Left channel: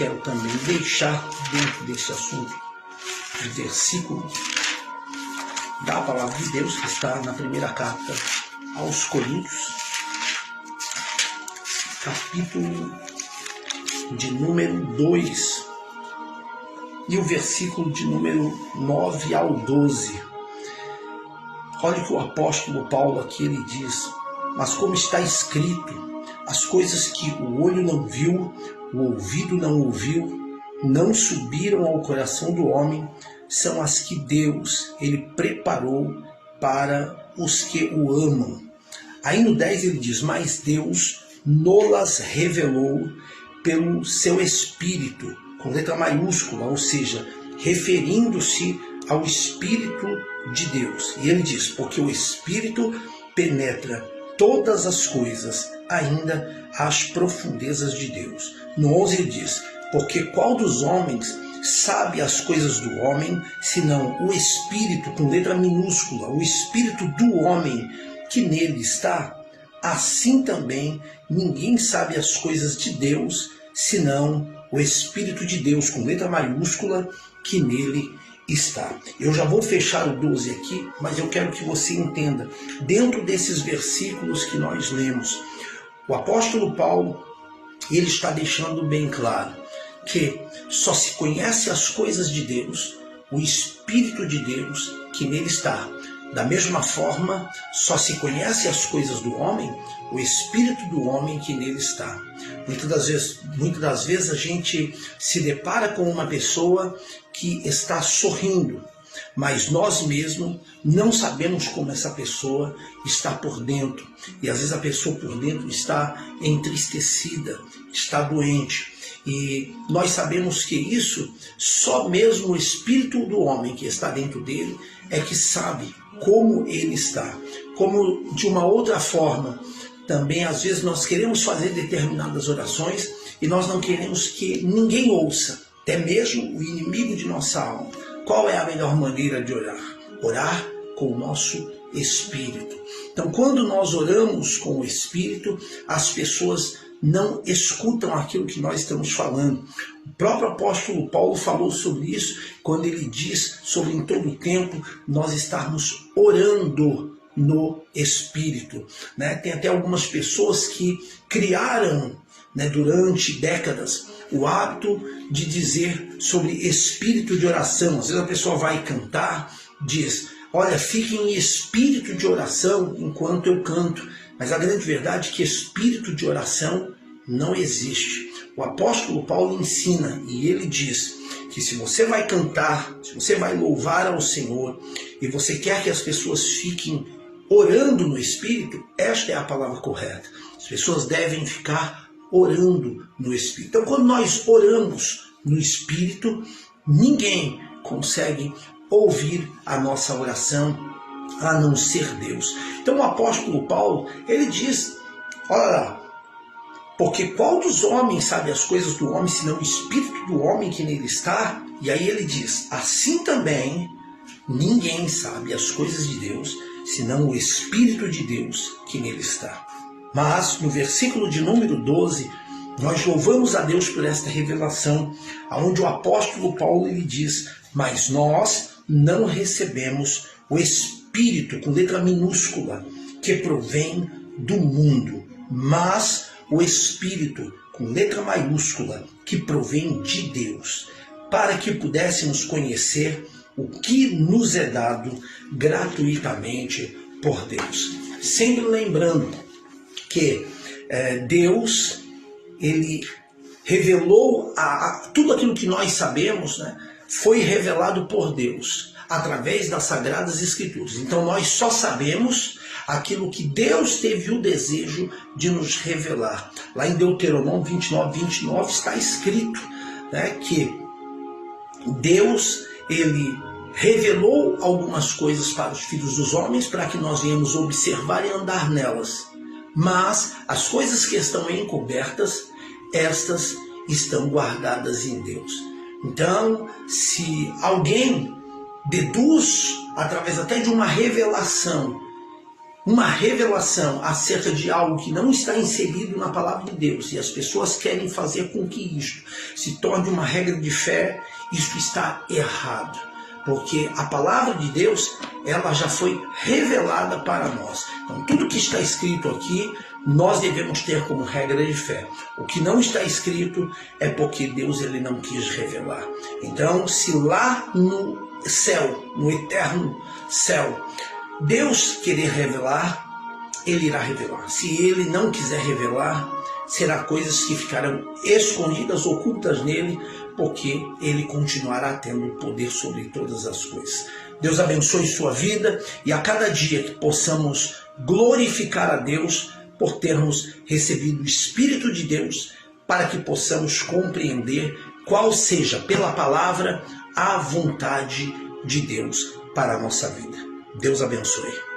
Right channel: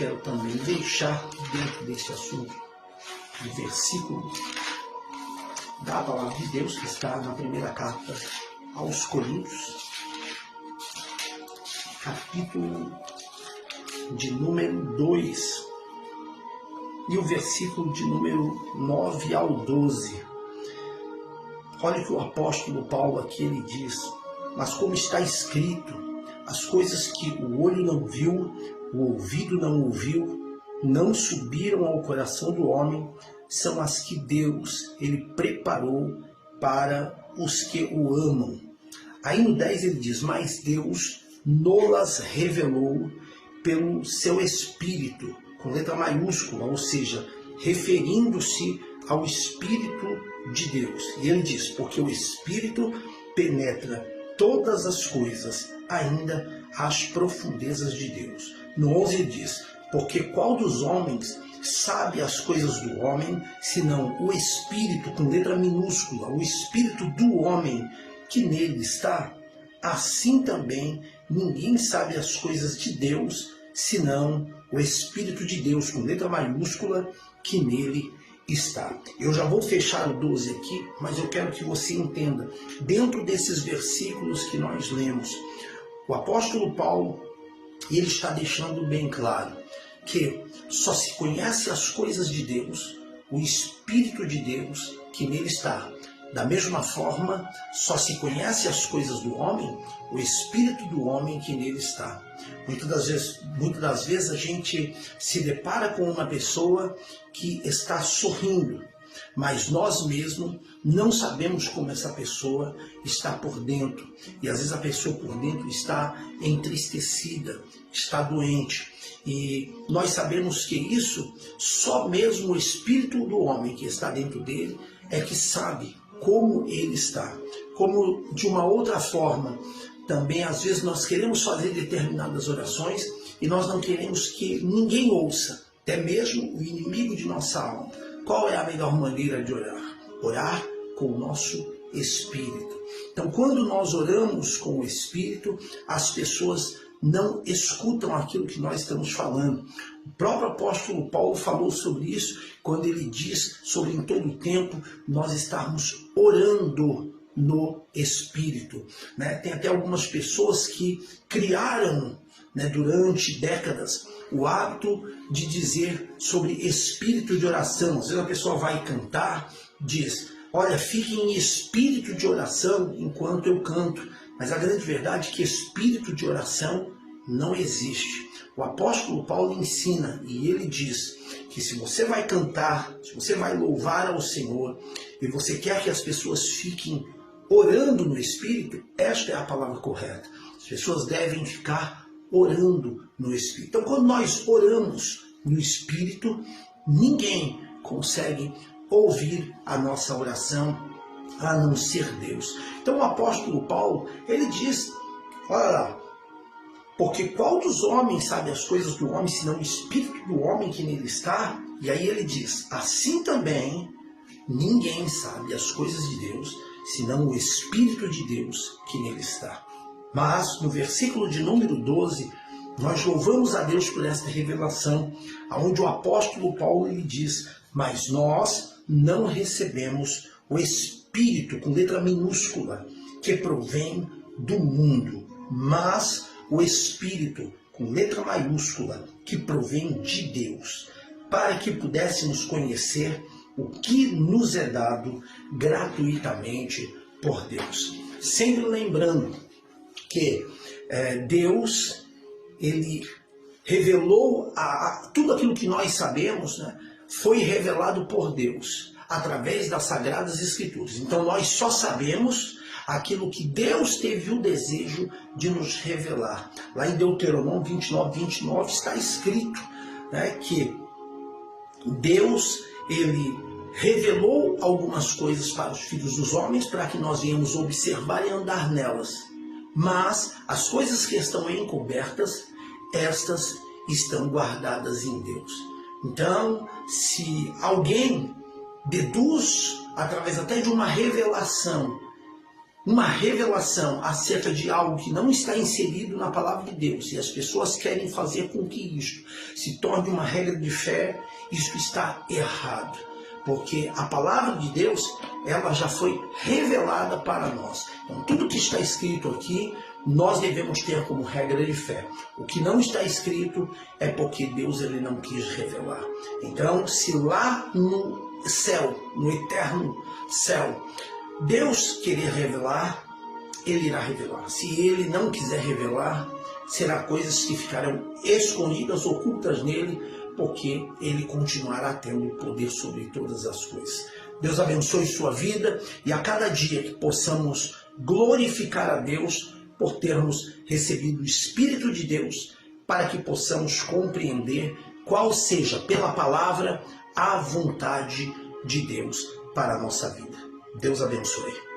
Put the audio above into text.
quero também deixar dentro desse assunto um versículo da palavra de Deus que está na primeira carta aos Coríntios, capítulo de número 2 e o versículo de número 9 ao 12. Olha o que o apóstolo Paulo aqui ele diz: mas como está escrito, as coisas que o olho não viu, o ouvido não ouviu, não subiram ao coração do homem, são as que Deus ele preparou para os que o amam. Aí no 10 ele diz: mas Deus nolas revelou pelo seu Espírito, com letra maiúscula, ou seja, referindo-se ao Espírito de Deus. E ele diz: porque o Espírito penetra todas as coisas, ainda as profundezas de Deus. No 11 ele diz: porque qual dos homens sabe as coisas do homem, senão o Espírito, com letra minúscula, o Espírito do homem que nele está? Assim também ninguém sabe as coisas de Deus, senão o Espírito de Deus, com letra maiúscula, que nele está. Eu já vou fechar o 12 aqui, mas eu quero que você entenda, dentro desses versículos que nós lemos, o apóstolo Paulo, ele está deixando bem claro que só se conhece as coisas de Deus, o Espírito de Deus que nele está. Da mesma forma, só se conhece as coisas do homem, o Espírito do homem que nele está. Muitas das vezes a gente se depara com uma pessoa que está sorrindo, mas nós mesmos não sabemos como essa pessoa está por dentro. E às vezes a pessoa por dentro está entristecida, está doente. E nós sabemos que isso, só mesmo o Espírito do homem que está dentro dele é que sabe como ele está. Como de uma outra forma, também às vezes nós queremos fazer determinadas orações e nós não queremos que ninguém ouça, até mesmo o inimigo de nossa alma. Qual é a melhor maneira de orar? Orar com o nosso Espírito. Então, quando nós oramos com o Espírito, as pessoas não escutam aquilo que nós estamos falando. O próprio apóstolo Paulo falou sobre isso quando ele diz sobre em todo o tempo nós estarmos orando no Espírito. Tem até algumas pessoas que criaram, durante décadas, o hábito de dizer sobre espírito de oração. Às vezes a pessoa vai cantar, diz: olha, fique em espírito de oração enquanto eu canto. Mas a grande verdade é que espírito de oração não existe. O apóstolo Paulo ensina e ele diz que se você vai cantar, se você vai louvar ao Senhor e você quer que as pessoas fiquem orando no Espírito, esta é a palavra correta. As pessoas devem ficar orando no Espírito. Então, quando nós oramos no Espírito, ninguém consegue ouvir a nossa oração a não ser Deus. Então o apóstolo Paulo, ele diz: olha lá, porque qual dos homens sabe as coisas do homem, senão o Espírito do homem que nele está? E aí ele diz: assim também ninguém sabe as coisas de Deus, senão o Espírito de Deus que nele está. Mas no versículo de número 12, nós louvamos a Deus por esta revelação, onde o apóstolo Paulo ele diz: mas nós não recebemos o Espírito, com letra minúscula, que provém do mundo, mas o Espírito, com letra maiúscula, que provém de Deus, para que pudéssemos conhecer o que nos é dado gratuitamente por Deus. Sempre lembrando que Deus, ele revelou tudo aquilo que nós sabemos, foi revelado por Deus através das Sagradas Escrituras. Então nós só sabemos aquilo que Deus teve o desejo de nos revelar. Lá em Deuteronômio 29 está escrito que Deus, ele revelou algumas coisas para os filhos dos homens para que nós venhamos observar e andar nelas. Mas as coisas que estão encobertas, estas estão guardadas em Deus. Então, se alguém deduz, através até de uma revelação, uma revelação acerca de algo que não está inserido na palavra de Deus e as pessoas querem fazer com que isto se torne uma regra de fé, isso está errado. Porque a palavra de Deus, ela já foi revelada para nós. Então, tudo que está escrito aqui, nós devemos ter como regra de fé. O que não está escrito é porque Deus ele não quis revelar. Então, se lá no céu, no eterno céu, Deus querer revelar, Ele irá revelar. Se Ele não quiser revelar, será coisas que ficarão escondidas, ocultas nele, porque Ele continuará tendo poder sobre todas as coisas. Deus abençoe sua vida e a cada dia que possamos glorificar a Deus por termos recebido o Espírito de Deus, para que possamos compreender qual seja, pela palavra, a vontade de Deus para a nossa vida. Deus abençoe.